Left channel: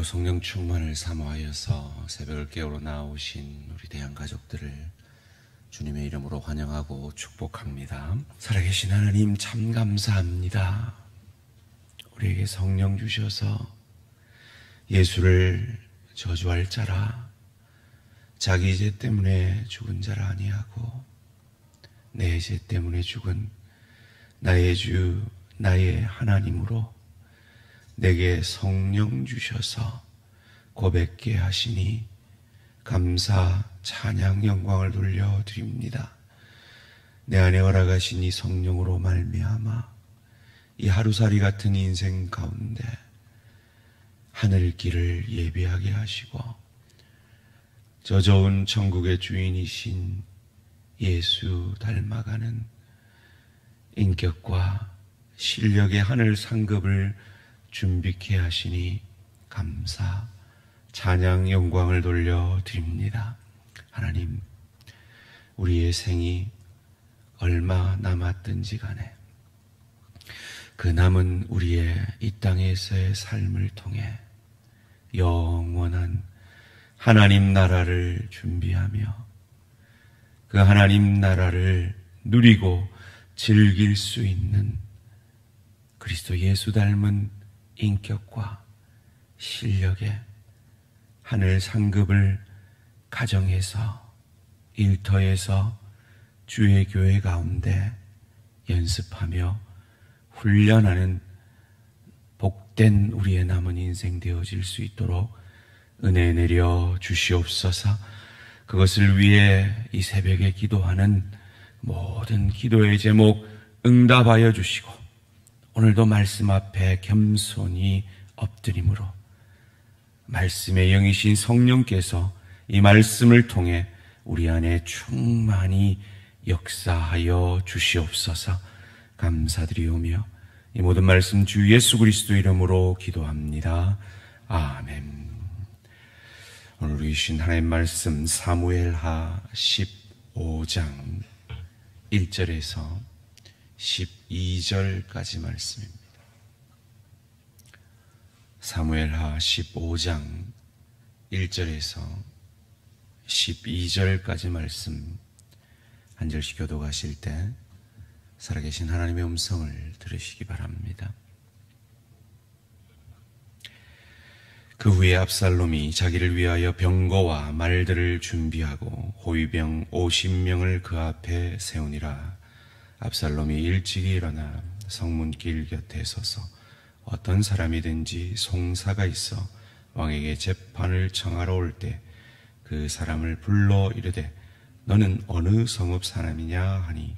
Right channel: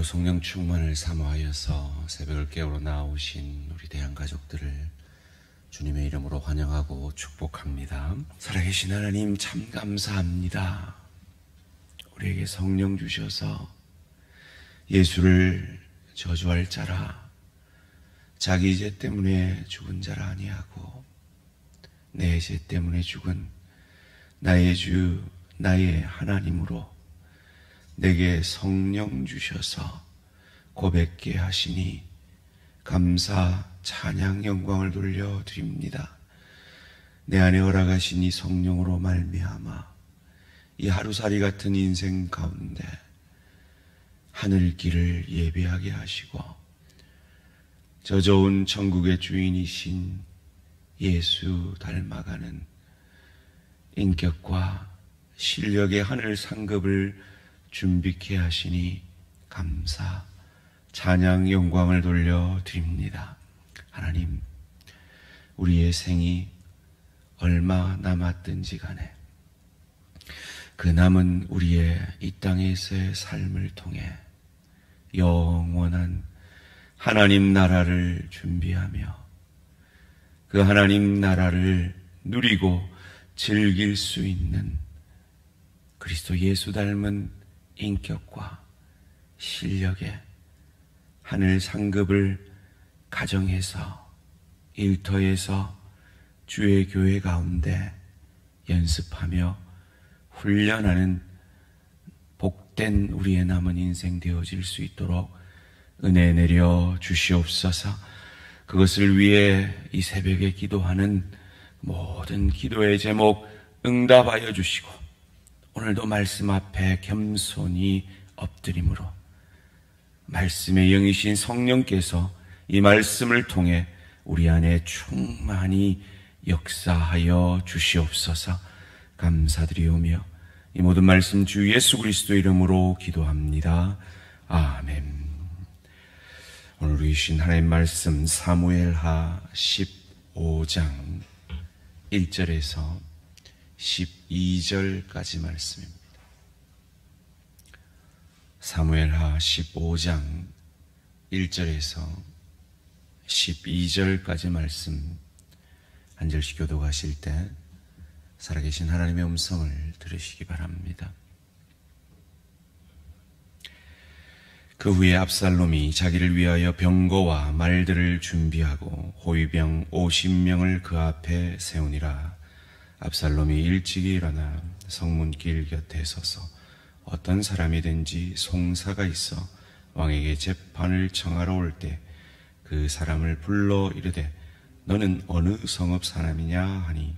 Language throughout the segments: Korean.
오늘도 성령 충만을 사모하여서 새벽을 깨우러 나오신 우리 대한 가족들을 주님의 이름으로 환영하고 축복합니다. 살아계신 하나님 참 감사합니다. 우리에게 성령 주셔서 예수를 저주할 자라, 자기 죄 때문에 죽은 자라 아니하고 내 죄 때문에 죽은 나의 주 나의 하나님으로 내게 성령 주셔서 고백게 하시니 감사, 찬양, 영광을 돌려드립니다. 내 안에 허락하신 이 성령으로 말미암아 이 하루살이 같은 인생 가운데 하늘길을 예비하게 하시고 저 좋은 천국의 주인이신 예수 닮아가는 인격과 실력의 하늘 상급을 준비케 하시니 감사, 찬양, 영광을 돌려드립니다. 하나님, 우리의 생이 얼마 남았든지 간에 그 남은 우리의 이 땅에서의 삶을 통해 영원한 하나님 나라를 준비하며 그 하나님 나라를 누리고 즐길 수 있는 그리스도 예수 닮은 인격과 실력의 하늘 상급을 가정에서 일터에서 주의 교회 가운데 연습하며 훈련하는 복된 우리의 남은 인생 되어질 수 있도록 은혜 내려 주시옵소서. 그것을 위해 이 새벽에 기도하는 모든 기도의 제목 응답하여 주시고 오늘도 말씀 앞에 겸손히 엎드림으로 말씀의 영이신 성령께서 이 말씀을 통해 우리 안에 충만히 역사하여 주시옵소서. 감사드리오며 이 모든 말씀 주 예수 그리스도 이름으로 기도합니다. 아멘. 오늘 주신 하나님 말씀 사무엘하 15장 1절에서 12절까지 말씀입니다. 사무엘하 15장 1절에서 12절까지 말씀 한 절씩 교독하실 때 살아계신 하나님의 음성을 들으시기 바랍니다. 그 후에 압살롬이 자기를 위하여 병거와 말들을 준비하고 호위병 50명을 그 앞에 세우니라. 압살롬이 일찍이 일어나 성문길 곁에 서서 어떤 사람이든지 송사가 있어 왕에게 재판을 청하러 올 때 그 사람을 불러 이르되 너는 어느 성읍 사람이냐 하니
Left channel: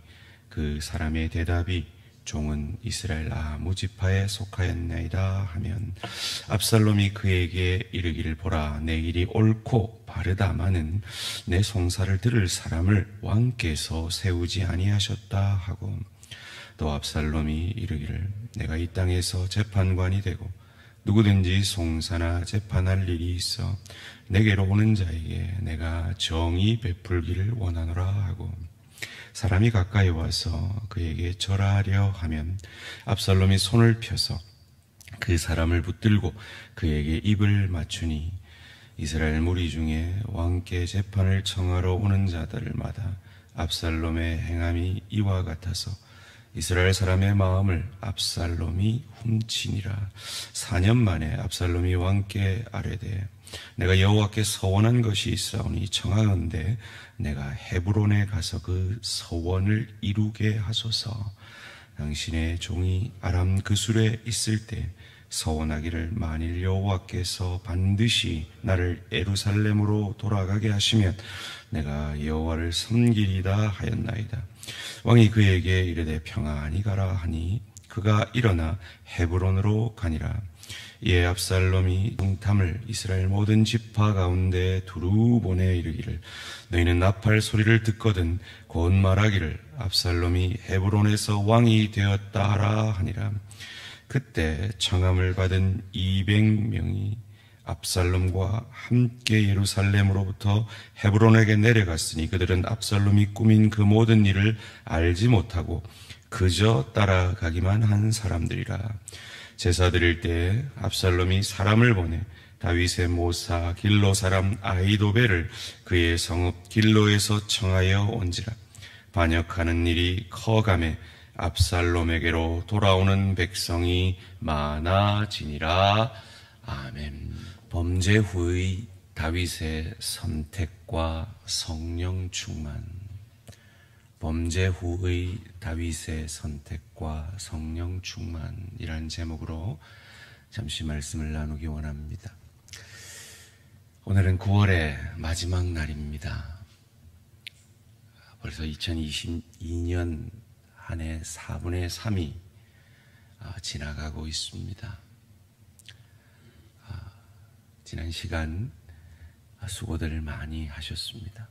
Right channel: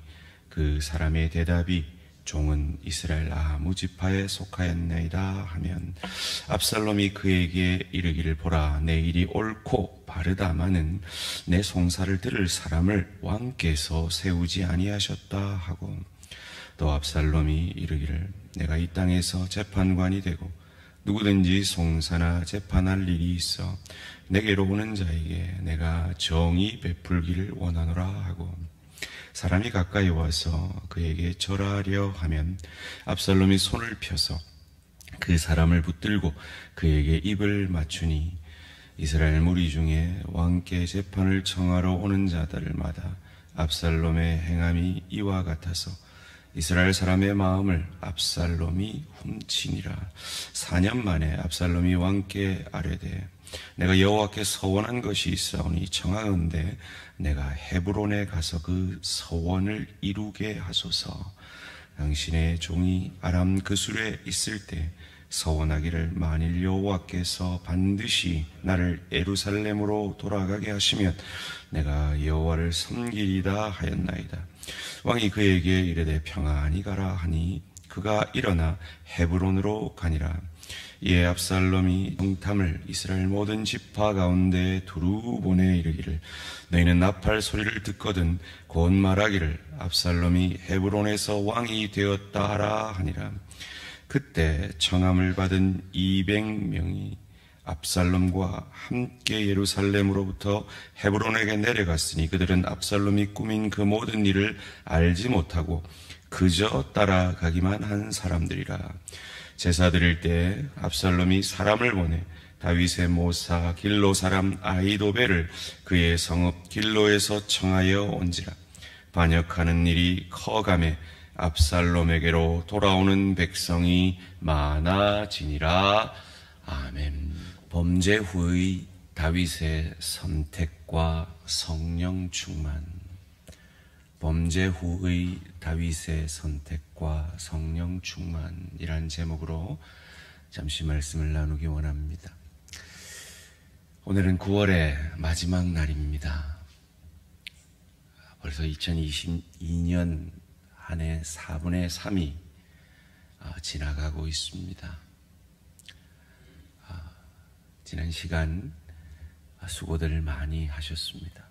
그 사람의 대답이 종은 이스라엘 아무 지파에 속하였나이다 하면 압살롬이 그에게 이르기를 보라 내 일이 옳고 바르다마는 내 송사를 들을 사람을 왕께서 세우지 아니하셨다 하고 또 압살롬이 이르기를 내가 이 땅에서 재판관이 되고 누구든지 송사나 재판할 일이 있어 내게로 오는 자에게 내가 정의 베풀기를 원하노라 하고 사람이 가까이 와서 그에게 절하려 하면 압살롬이 손을 펴서 그 사람을 붙들고 그에게 입을 맞추니 이스라엘 무리 중에 왕께 재판을 청하러 오는 자들마다 압살롬의 행함이 이와 같아서 이스라엘 사람의 마음을 압살롬이 훔치니라. 4년 만에 압살롬이 왕께 아뢰되 내가 여호와께 서원한 것이 있사오니 청하건대 내가 헤브론에 가서 그 서원을 이루게 하소서. 당신의 종이 아람 그술에 있을 때 서원하기를 만일 여호와께서 반드시 나를 예루살렘으로 돌아가게 하시면 내가 여호와를 섬기리다 하였나이다. 왕이 그에게 이르되 평안히 가라 하니 그가 일어나 헤브론으로 가니라. 이에 압살롬이 정탐을 이스라엘 모든 지파 가운데 두루 보내 이르기를 너희는 나팔 소리를 듣거든 곧 말하기를 압살롬이 헤브론에서 왕이 되었다 하라 하니라. 그때 청함을 받은 200명이 압살롬과 함께 예루살렘으로부터 헤브론에게 내려갔으니 그들은 압살롬이 꾸민 그 모든 일을 알지 못하고 그저 따라가기만 한 사람들이라. 제사 드릴 때 압살롬이 사람을 보내 다윗의 모사 길로 사람 아히도벨을 그의 성읍 길로에서 청하여 온지라. 반역하는 일이 커가매 압살롬에게로 돌아오는 백성이 많아지니라. 아멘. 범죄 후의 다윗의 선택과 성령 충만. 범죄 후의 다윗의 선택과 성령 충만이란 제목으로 잠시 말씀을 나누기 원합니다. 오늘은 9월의 마지막 날입니다. 벌써 2022년 한 해 4분의 3이 지나가고 있습니다. 지난 시간 수고들 많이 하셨습니다.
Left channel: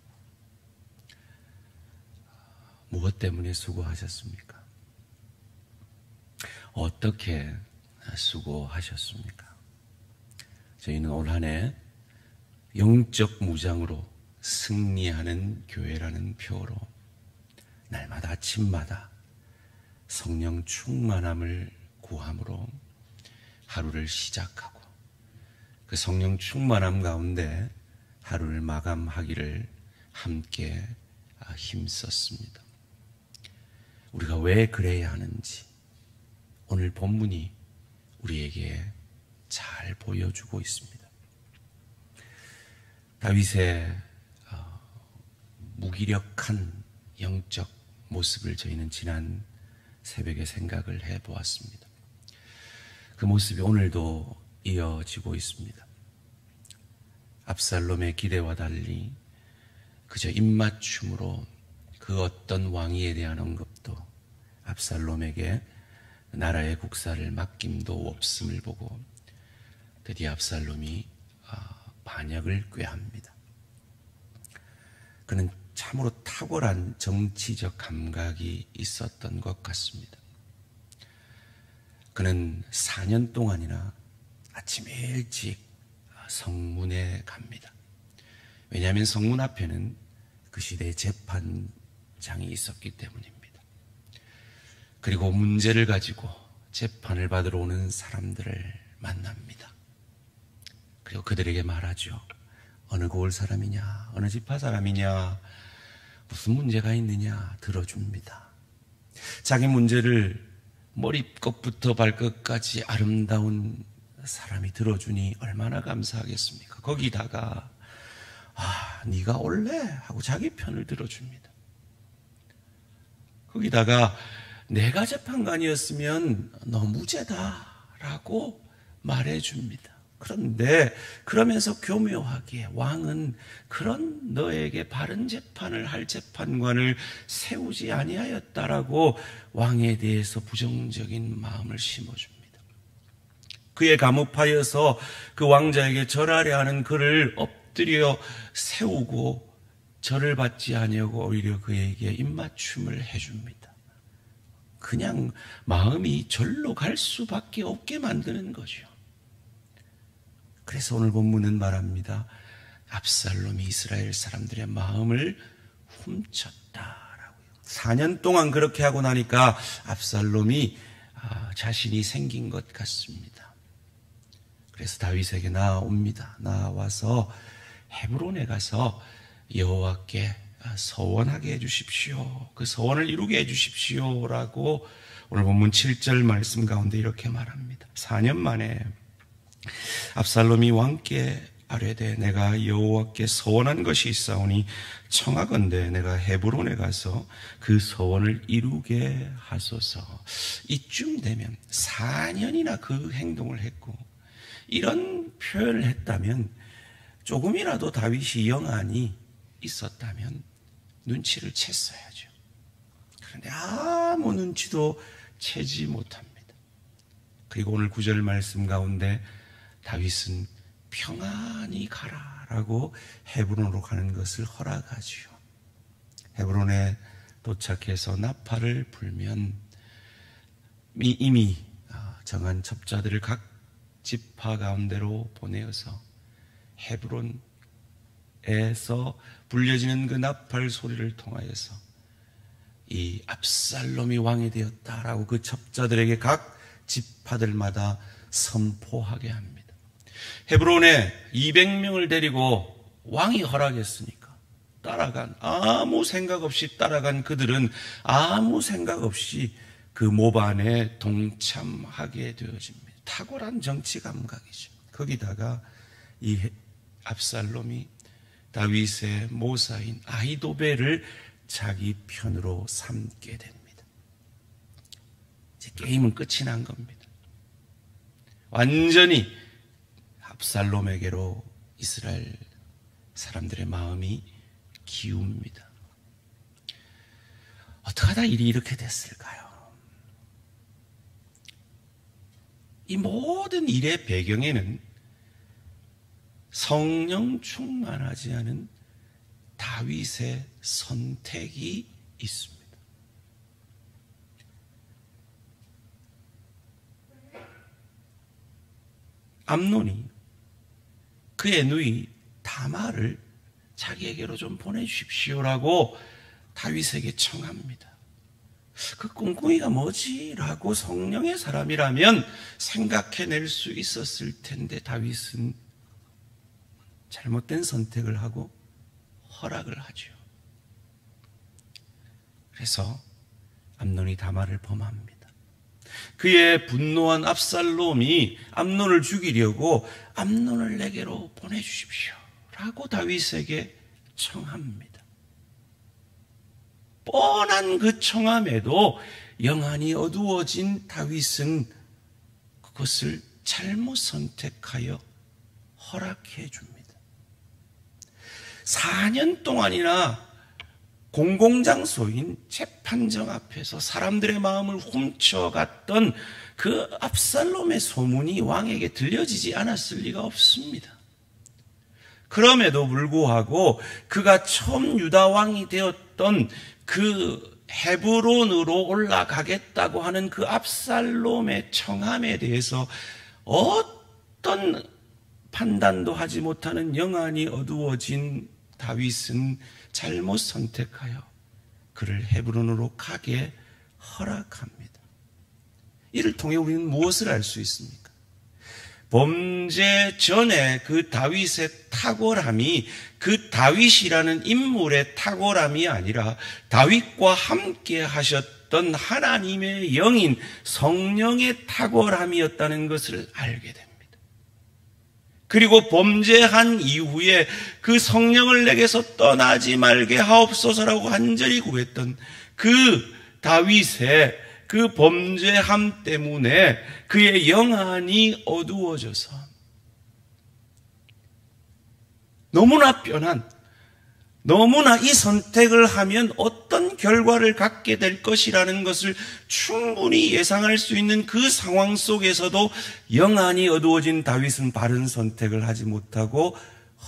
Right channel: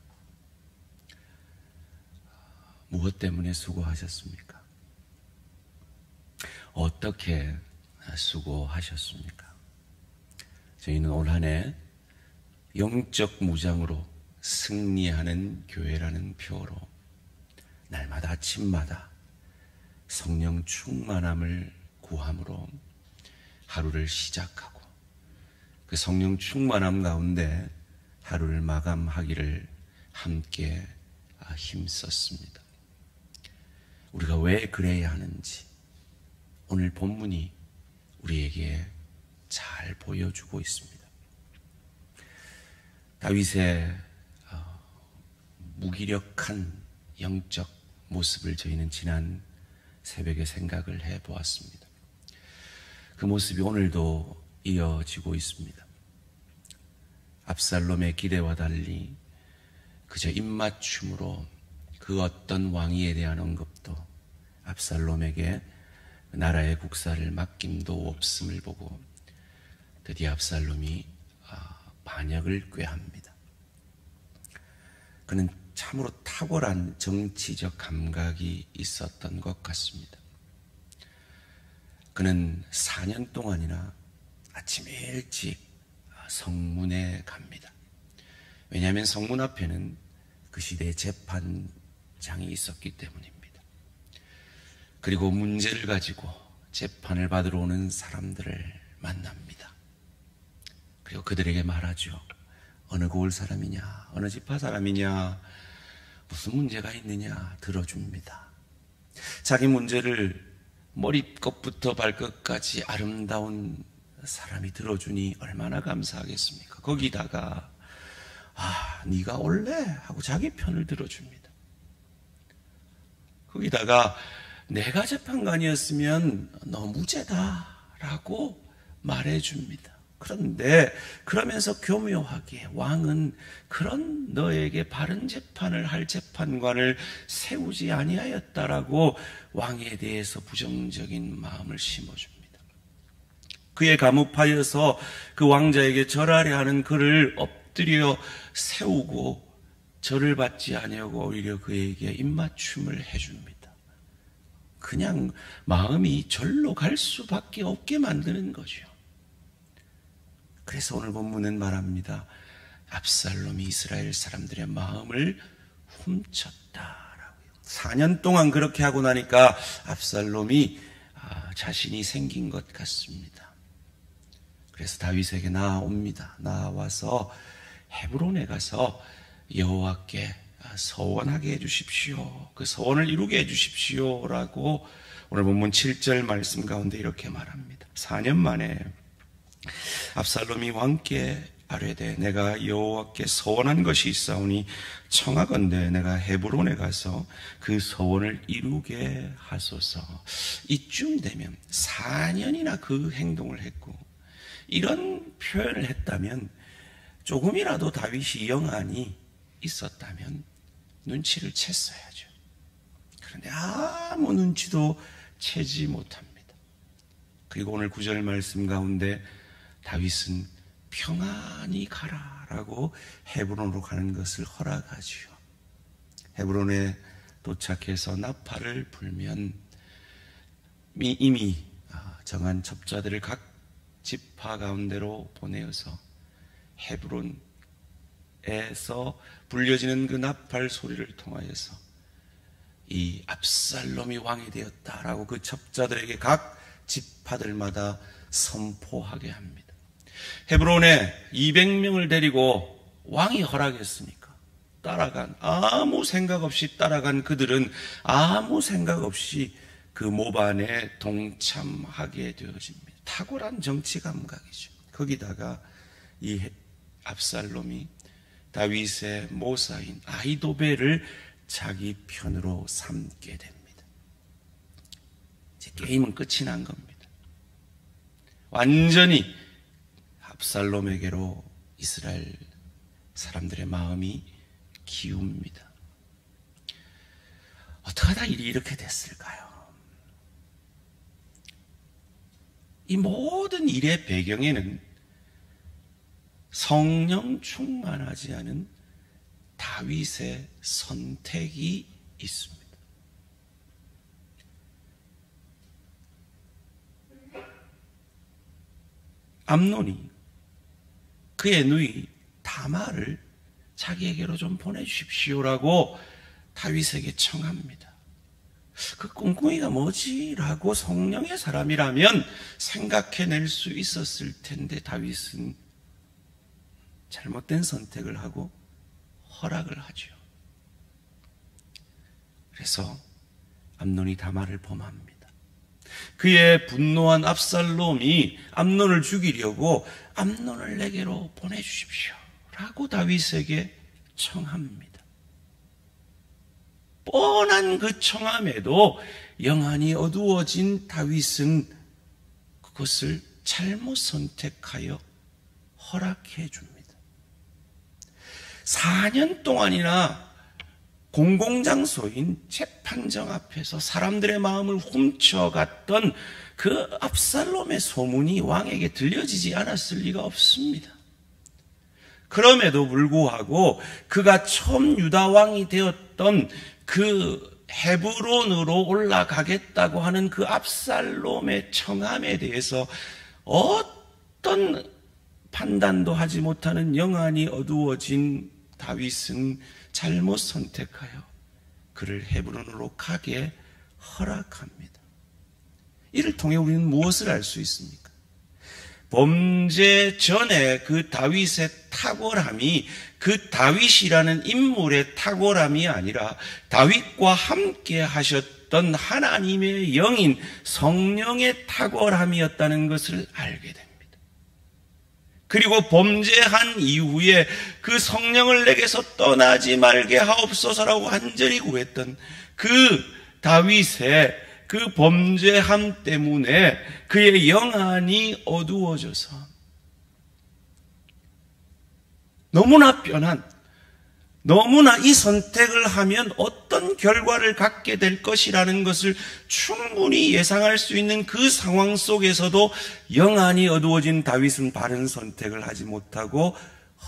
무엇 때문에 수고하셨습니까? 어떻게 수고하셨습니까? 저희는 올 한 해 영적 무장으로 승리하는 교회라는 표어로 날마다 아침마다 성령 충만함을 구함으로 하루를 시작하고 그 성령 충만함 가운데 하루를 마감하기를 함께 힘썼습니다. 우리가 왜 그래야 하는지 오늘 본문이 우리에게 잘 보여주고 있습니다. 다윗의 무기력한 영적 모습을 저희는 지난 새벽에 생각을 해보았습니다. 그 모습이 오늘도 이어지고 있습니다. 압살롬의 기대와 달리 그저 입맞춤으로 그 어떤 왕위에 대한 언급도 압살롬에게 나라의 국사를 맡김도 없음을 보고 드디어 압살롬이 반역을 꾀합니다. 그는 참으로 탁월한 정치적 감각이 있었던 것 같습니다. 그는 4년 동안이나 아침 일찍 성문에 갑니다. 왜냐하면 성문 앞에는 그 시대의 재판장이 있었기 때문입니다. 그리고 문제를 가지고 재판을 받으러 오는 사람들을 만납니다. 그리고 그들에게 말하죠. 어느 고을 사람이냐, 어느 지파 사람이냐, 무슨 문제가 있느냐 들어줍니다. 자기 문제를 머리끝부터 발끝까지 아름다운 사람이 들어주니 얼마나 감사하겠습니까? 거기다가 네가 올래? 하고 자기 편을 들어줍니다. 거기다가 내가 재판관이었으면 너 무죄다 라고 말해줍니다. 그런데 그러면서 교묘하게 왕은 그런 너에게 바른 재판을 할 재판관을 세우지 아니하였다라고 왕에 대해서 부정적인 마음을 심어줍니다. 그에 감옥하여서 그 왕자에게 절하려 하는 그를 엎드려 세우고 절을 받지 아니하고 오히려 그에게 입맞춤을 해줍니다. 그냥 마음이 절로 갈 수밖에 없게 만드는 거죠. 그래서 오늘 본문은 말합니다. 압살롬이 이스라엘 사람들의 마음을 훔쳤다라고요. 4년 동안 그렇게 하고 나니까 압살롬이 자신이 생긴 것 같습니다. 그래서 다윗에게 나옵니다. 나와서 헤브론에 가서 여호와께 서원하게 해주십시오. 그 서원을 이루게 해주십시오라고 오늘 본문 7절 말씀 가운데 이렇게 말합니다. 4년 만에 압살롬이 왕께 아뢰되 내가 여호와께 서원한 것이 있사오니 청하건대 내가 헤브론에 가서 그 서원을 이루게 하소서. 이쯤 되면 4년이나 그 행동을 했고 이런 표현을 했다면 조금이라도 다윗이 영안이 있었다면 눈치를 챘어야죠. 그런데 아무 눈치도 채지 못합니다. 그리고 오늘 9절 말씀 가운데 다윗은 평안히 가라라고 헤브론으로 가는 것을 허락하지요. 헤브론에 도착해서 나팔을 불면 이미 정한 첩자들을 각 지파 가운데로 보내어서 헤브론에서 불려지는 그 나팔 소리를 통하여서 이 압살롬이 왕이 되었다라고 그 첩자들에게 각 지파들마다 선포하게 합니다. 헤브론에 200명을 데리고 왕이 허락했으니까 아무 생각 없이 따라간 그들은 아무 생각 없이 그 모반에 동참하게 되어집니다. 탁월한 정치 감각이죠. 거기다가 이 압살롬이 다윗의 모사인 아히도벨을 자기 편으로 삼게 됩니다. 이제 게임은 끝이 난 겁니다. 완전히 압살롬에게로 이스라엘 사람들의 마음이 기웁니다. 어떻게 하다 일이 이렇게 됐을까요? 이 모든 일의 배경에는 성령 충만하지 않은 다윗의 선택이 있습니다. 암논이 그의 누이 다말을 자기에게로 좀 보내주십시오라고 다윗에게 청합니다. 그 꿍꿍이가 뭐지? 라고 성령의 사람이라면 생각해낼 수 있었을 텐데 다윗은 잘못된 선택을 하고 허락을 하죠. 그래서 암논이 다말을 범합니다. 그의 분노한 압살롬이 암논을 죽이려고 암논을 내게로 보내주십시오 라고 다윗에게 청합니다. 뻔한 그 청함에도 영안이 어두워진 다윗은 그것을 잘못 선택하여 허락해 줍니다. 4년 동안이나 공공장소인 재판정 앞에서 사람들의 마음을 훔쳐갔던 그 압살롬의 소문이 왕에게 들려지지 않았을 리가 없습니다. 그럼에도 불구하고 그가 처음 유다 왕이 되었던 그 헤브론으로 올라가겠다고 하는 그 압살롬의 청함에 대해서 어떤 판단도 하지 못하는 영안이 어두워진 다윗은 잘못 선택하여 그를 헤브론으로 가게 허락합니다. 이를 통해 우리는 무엇을 알 수 있습니까? 범죄 전에 그 다윗의 탁월함이 그 다윗이라는 인물의 탁월함이 아니라 다윗과 함께 하셨던 하나님의 영인 성령의 탁월함이었다는 것을 알게 됩니다. 그리고 범죄한 이후에 그 성령을 내게서 떠나지 말게 하옵소서라고 간절히 구했던 그 다윗의 그 범죄함 때문에 그의 영안이 어두워져서 너무나 뻔한, 너무나 이 선택을 하면 어떤 결과를 갖게 될 것이라는 것을 충분히 예상할 수 있는 그 상황 속에서도 영안이 어두워진 다윗은 바른 선택을 하지 못하고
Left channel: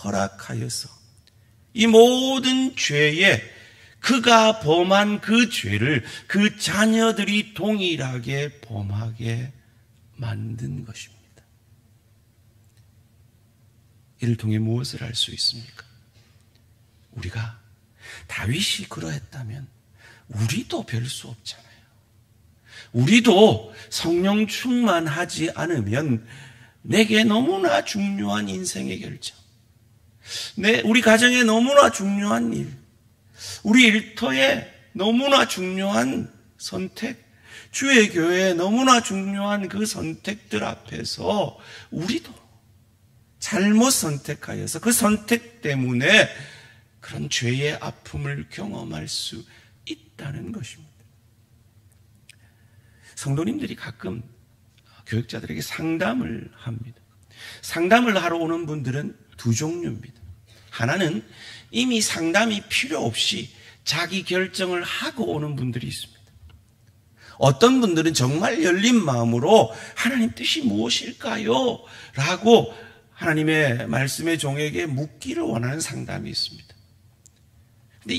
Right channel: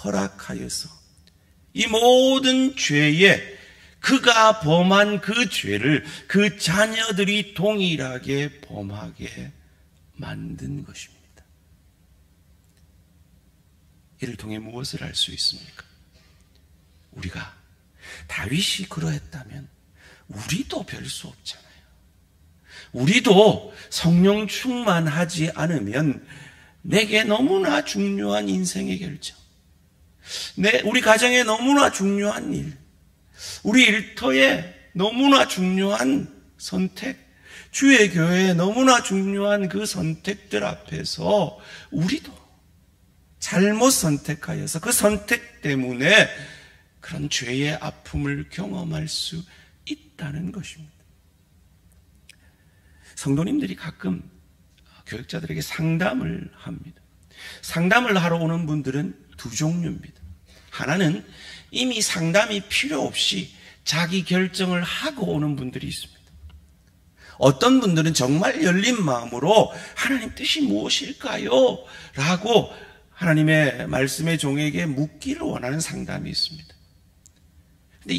허락하여서 이 모든 죄에 그가 범한 그 죄를 그 자녀들이 동일하게 범하게 만든 것입니다. 이를 통해 무엇을 알 수 있습니까? 우리가 다윗이 그러했다면 우리도 별 수 없잖아요. 우리도 성령 충만하지 않으면 내게 너무나 중요한 인생의 결정, 우리 가정에 너무나 중요한 일, 우리 일터에 너무나 중요한 선택, 주의 교회에 너무나 중요한 그 선택들 앞에서 우리도 잘못 선택하여서 그 선택 때문에 그런 죄의 아픔을 경험할 수 있다는 것입니다. 성도님들이 가끔 교육자들에게 상담을 합니다. 상담을 하러 오는 분들은 두 종류입니다. 하나는 이미 상담이 필요 없이 자기 결정을 하고 오는 분들이 있습니다. 어떤 분들은 정말 열린 마음으로 하나님 뜻이 무엇일까요? 라고 하나님의 말씀의 종에게 묻기를 원하는 상담이 있습니다. 근데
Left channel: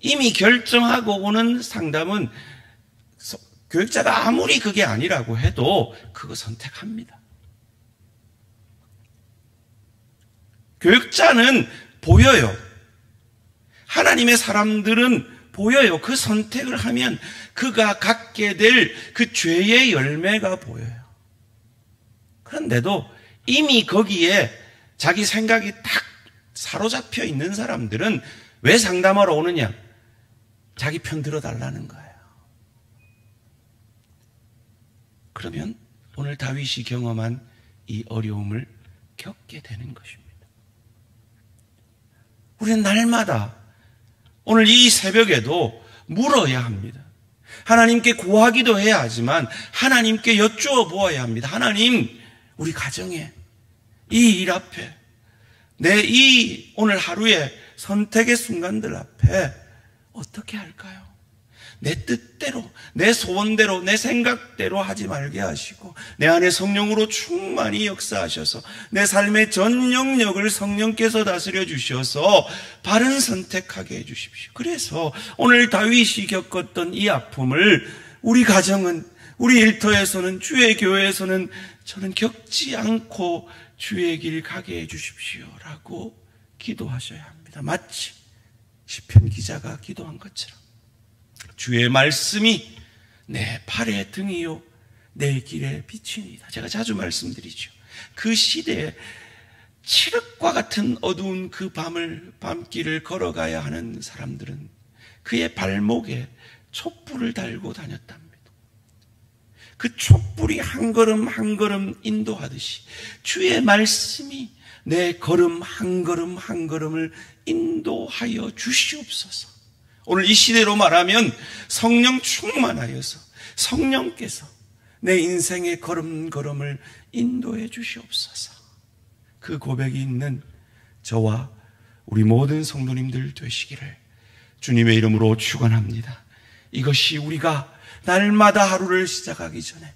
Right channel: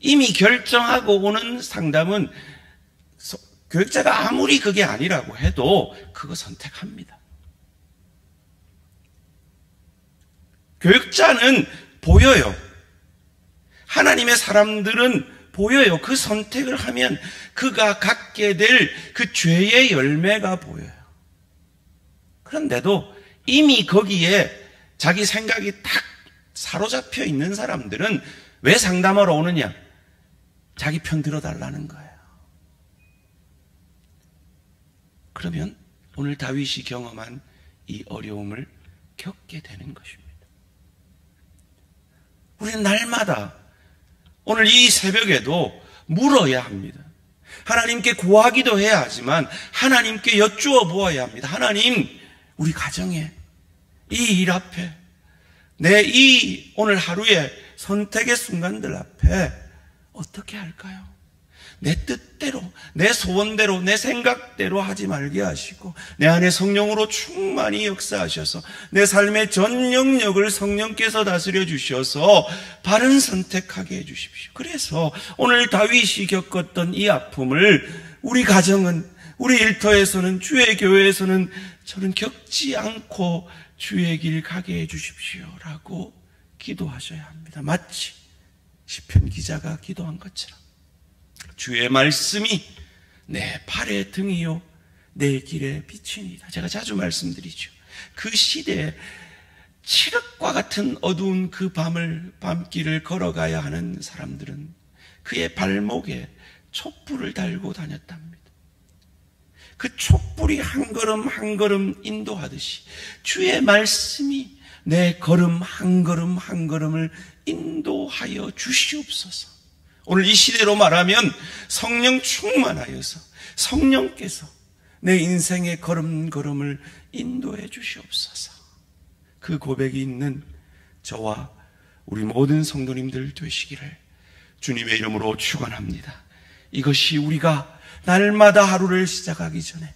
이미 결정하고 오는 상담은 교육자가 아무리 그게 아니라고 해도 그거 선택합니다. 교육자는 보여요. 하나님의 사람들은 보여요. 그 선택을 하면 그가 갖게 될 그 죄의 열매가 보여요. 그런데도 이미 거기에 자기 생각이 딱 사로잡혀 있는 사람들은 왜 상담하러 오느냐? 자기 편 들어달라는 거예요. 그러면 오늘 다윗이 경험한 이 어려움을 겪게 되는 것입니다. 우리는 날마다 오늘 이 새벽에도 물어야 합니다. 하나님께 구하기도 해야 하지만 하나님께 여쭈어 보아야 합니다. 하나님, 우리 가정에 이 일 앞에 내 이 오늘 하루의 선택의 순간들 앞에 어떻게 할까요? 내 뜻대로, 내 소원대로, 내 생각대로 하지 말게 하시고 내 안에 성령으로 충만히 역사하셔서 내 삶의 전 영역을 성령께서 다스려 주셔서 바른 선택하게 해 주십시오. 그래서 오늘 다윗이 겪었던 이 아픔을 우리 가정은, 우리 일터에서는, 주의 교회에서는 저는 겪지 않고 주의 길 가게 해 주십시오라고 기도하셔야 합니다. 마치 시편 기자가 기도한 것처럼 주의 말씀이 내 발의 등이요 내 길의 빛이니이다. 제가 자주 말씀드리죠. 그 시대에 칠흑과 같은 어두운 그 밤길을 걸어가야 하는 사람들은 그의 발목에 촛불을 달고 다녔답니다. 그 촛불이 한 걸음 한 걸음 인도하듯이 주의 말씀이 내 걸음 한 걸음 한 걸음을 인도하여 주시옵소서. 오늘 이 시대로 말하면 성령 충만하여서 성령께서 내 인생의 걸음걸음을 인도해 주시옵소서. 그 고백이 있는 저와 우리 모든 성도님들 되시기를 주님의 이름으로 축원합니다. 이것이 우리가 날마다 하루를 시작하기 전에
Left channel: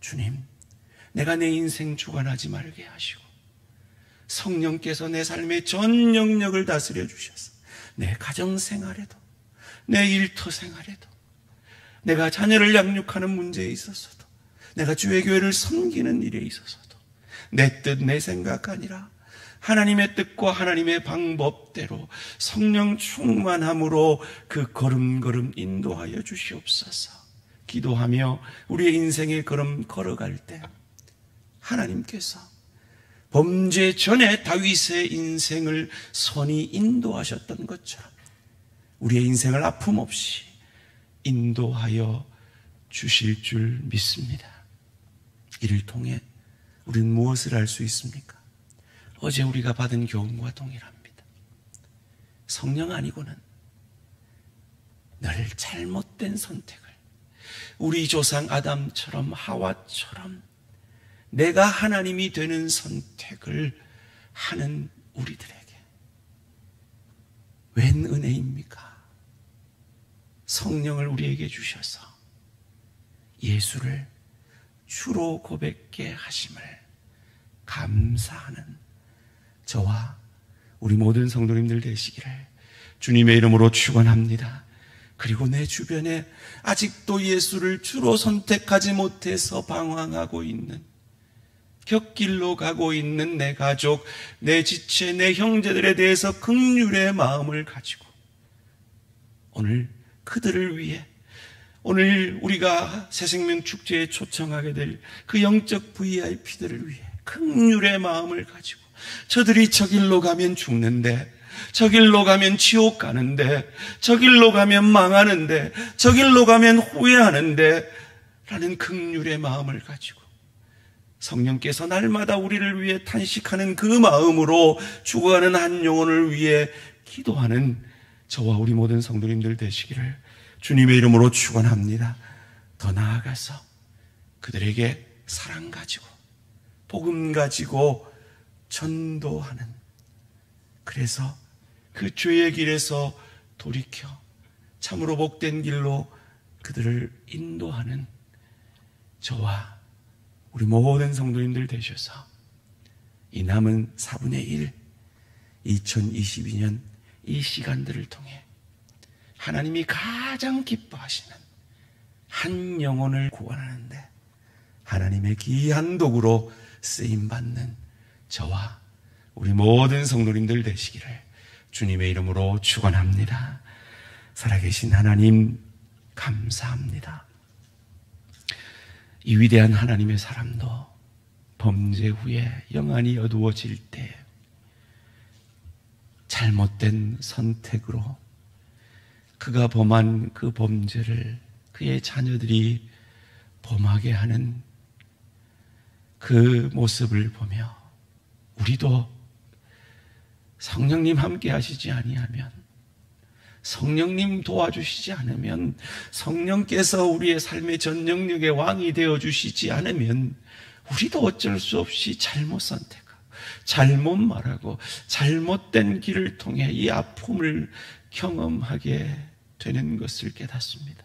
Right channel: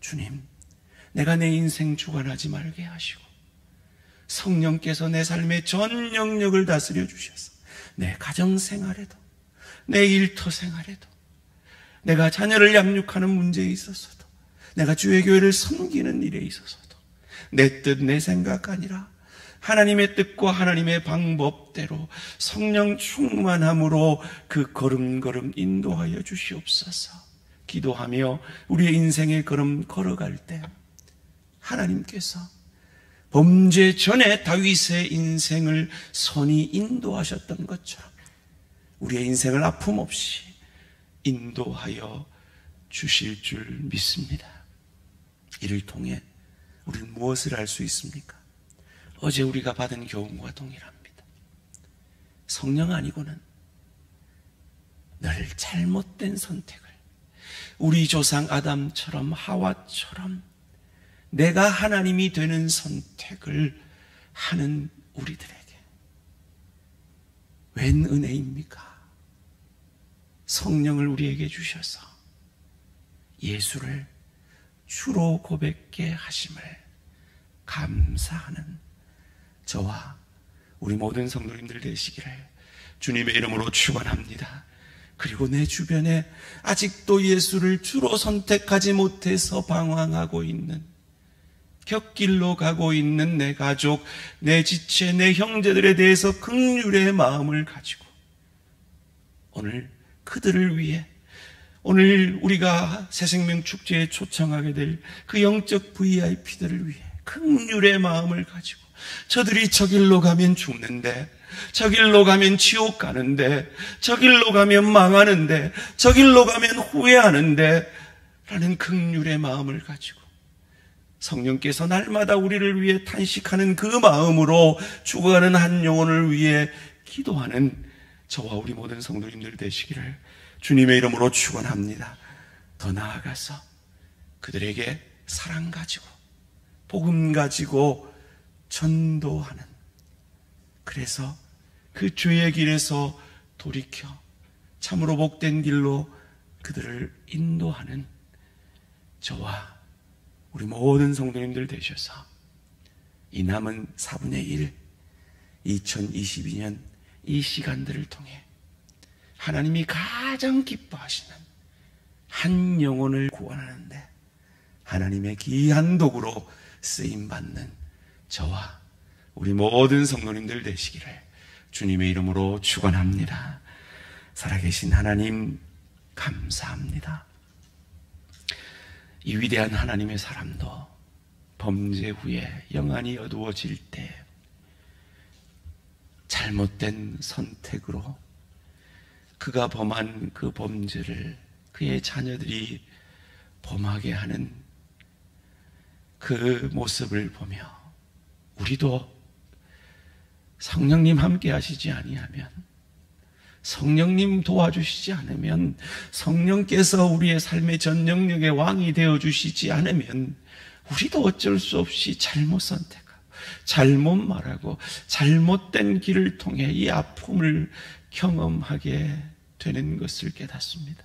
주님, 내가 내 인생 주관하지 말게 하시고 성령께서 내 삶의 전 영역을 다스려 주셔서 내 가정생활에도 내 일터 생활에도 내가 자녀를 양육하는 문제에 있어서도 내가 주의 교회를 섬기는 일에 있어서도 내 뜻, 내 생각 아니라 하나님의 뜻과 하나님의 방법대로 성령 충만함으로 그 걸음걸음 인도하여 주시옵소서. 기도하며 우리의 인생의 걸음 걸어갈 때 하나님께서 범죄 전에 다윗의 인생을 선히 인도하셨던 것처럼 우리의 인생을 아픔 없이 인도하여 주실 줄 믿습니다. 이를 통해 우리는 무엇을 할 수 있습니까? 어제 우리가 받은 교훈과 동일합니다. 성령 아니고는 늘 잘못된 선택을 우리 조상 아담처럼 하와처럼 내가 하나님이 되는 선택을 하는 우리들에게 웬 은혜입니까? 성령을 우리에게 주셔서 예수를 주로 고백게 하심을 감사하는 저와 우리 모든 성도님들 되시기를 주님의 이름으로 축원합니다. 그리고 내 주변에 아직도 예수를 주로 선택하지 못해서 방황하고 있는, 곁길로 가고 있는 내 가족, 내 지체, 내 형제들에 대해서 긍휼의 마음을 가지고 오늘 그들을 위해, 오늘 우리가 새생명 축제에 초청하게 될 그 영적 VIP들을 위해 긍휼의 마음을 가지고 저들이 저 길로 가면 죽는데, 저 길로 가면 지옥 가는데, 저 길로 가면 망하는데, 저 길로 가면 후회하는데 라는 긍휼의 마음을 가지고 성령께서 날마다 우리를 위해 탄식하는 그 마음으로 죽어가는 한 영혼을 위해 기도하는 저와 우리 모든 성도님들 되시기를 주님의 이름으로 축원합니다. 더 나아가서 그들에게 사랑 가지고 복음 가지고 전도하는, 그래서 그 죄의 길에서 돌이켜 참으로 복된 길로 그들을 인도하는 저와 우리 모든 성도님들 되셔서 이 남은 4분의 1 2022년 이 시간들을 통해 하나님이 가장 기뻐하시는 한 영혼을 구원하는데 하나님의 귀한 도구로 쓰임받는 저와 우리 모든 성도님들 되시기를 주님의 이름으로 축원합니다. 살아계신 하나님 감사합니다. 이 위대한 하나님의 사람도 범죄 후에 영안이 어두워질 때 잘못된 선택으로 그가 범한 그 범죄를 그의 자녀들이 범하게 하는 그 모습을 보며 우리도 성령님 함께 하시지 아니하면, 성령님 도와주시지 않으면, 성령께서 우리의 삶의 전 영역의 왕이 되어주시지 않으면 우리도 어쩔 수 없이 잘못 선택하고 잘못 말하고 잘못된 길을 통해 이 아픔을 경험하게 되는 것을 깨닫습니다.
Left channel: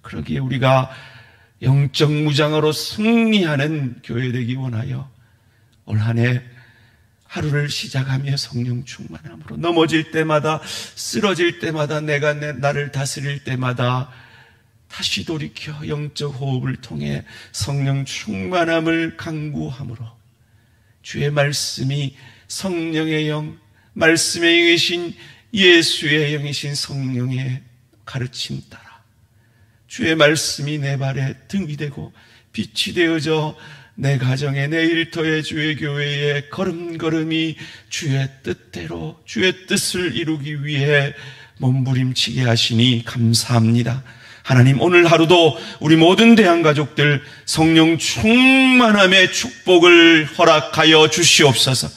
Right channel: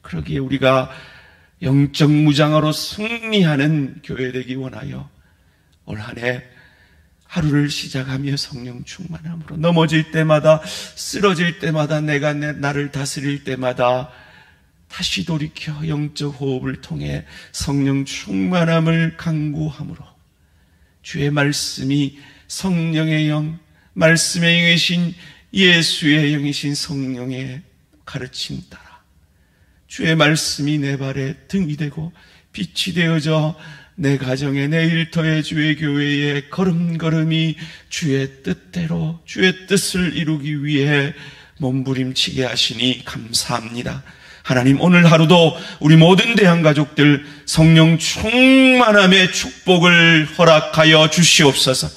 그러기에 우리가 영적 무장으로 승리하는 교회 되기 원하여 올 한 해 하루를 시작하며 성령 충만함으로 넘어질 때마다, 쓰러질 때마다, 내가 나를 다스릴 때마다 다시 돌이켜 영적 호흡을 통해 성령 충만함을 강구함으로 주의 말씀이 성령의 영, 말씀의 영이신 예수의 영이신 성령의 가르침 따라 주의 말씀이 내 발에 등이 되고 빛이 되어져 내 가정에, 내 일터에, 주의 교회에 걸음걸음이 주의 뜻대로 주의 뜻을 이루기 위해 몸부림치게 하시니 감사합니다. 하나님, 오늘 하루도 우리 모든 대한가족들 성령 충만함의 축복을 허락하여 주시옵소서.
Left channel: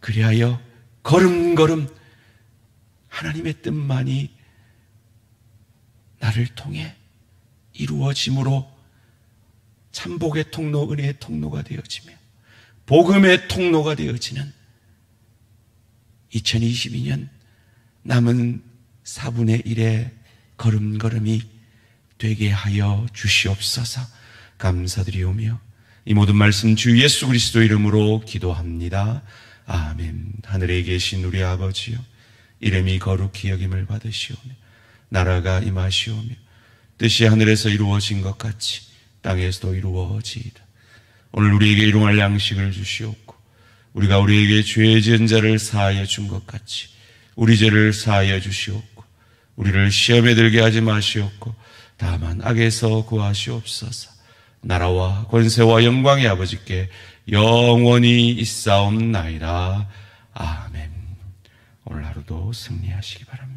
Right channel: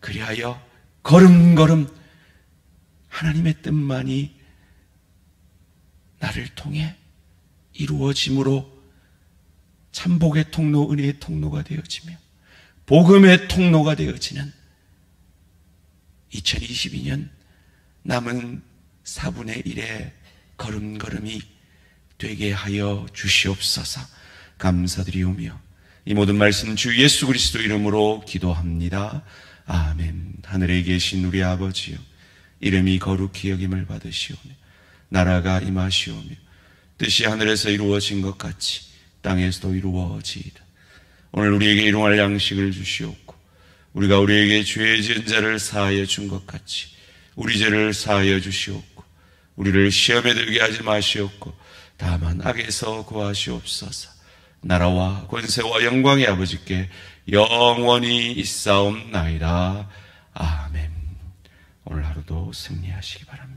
그리하여 걸음걸음 하나님의 뜻만이 나를 통해 이루어짐으로 참복의 통로, 은혜의 통로가 되어지며 복음의 통로가 되어지는 2022년 남은 4분의 1의 걸음걸음이 되게 하여 주시옵소서. 감사드리오며 이 모든 말씀 주 예수 그리스도 이름으로 기도합니다. 아멘. 하늘에 계신 우리 아버지여, 이름이 거룩히 여김을 받으시오며 나라가 임하시오며 뜻이 하늘에서 이루어진 것 같이 땅에서도 이루어지이다. 오늘 우리에게 일용할 양식을 주시옵고 우리가 우리에게 죄 지은 자를 사하여 준 것 같이 우리 죄를 사하여 주시옵고 우리를 시험에 들게 하지 마시옵고 다만 악에서 구하시옵소서. 나라와 권세와 영광의 아버지께 영원히 있사옵나이다. 아멘. 오늘 하루도 승리하시기 바랍니다.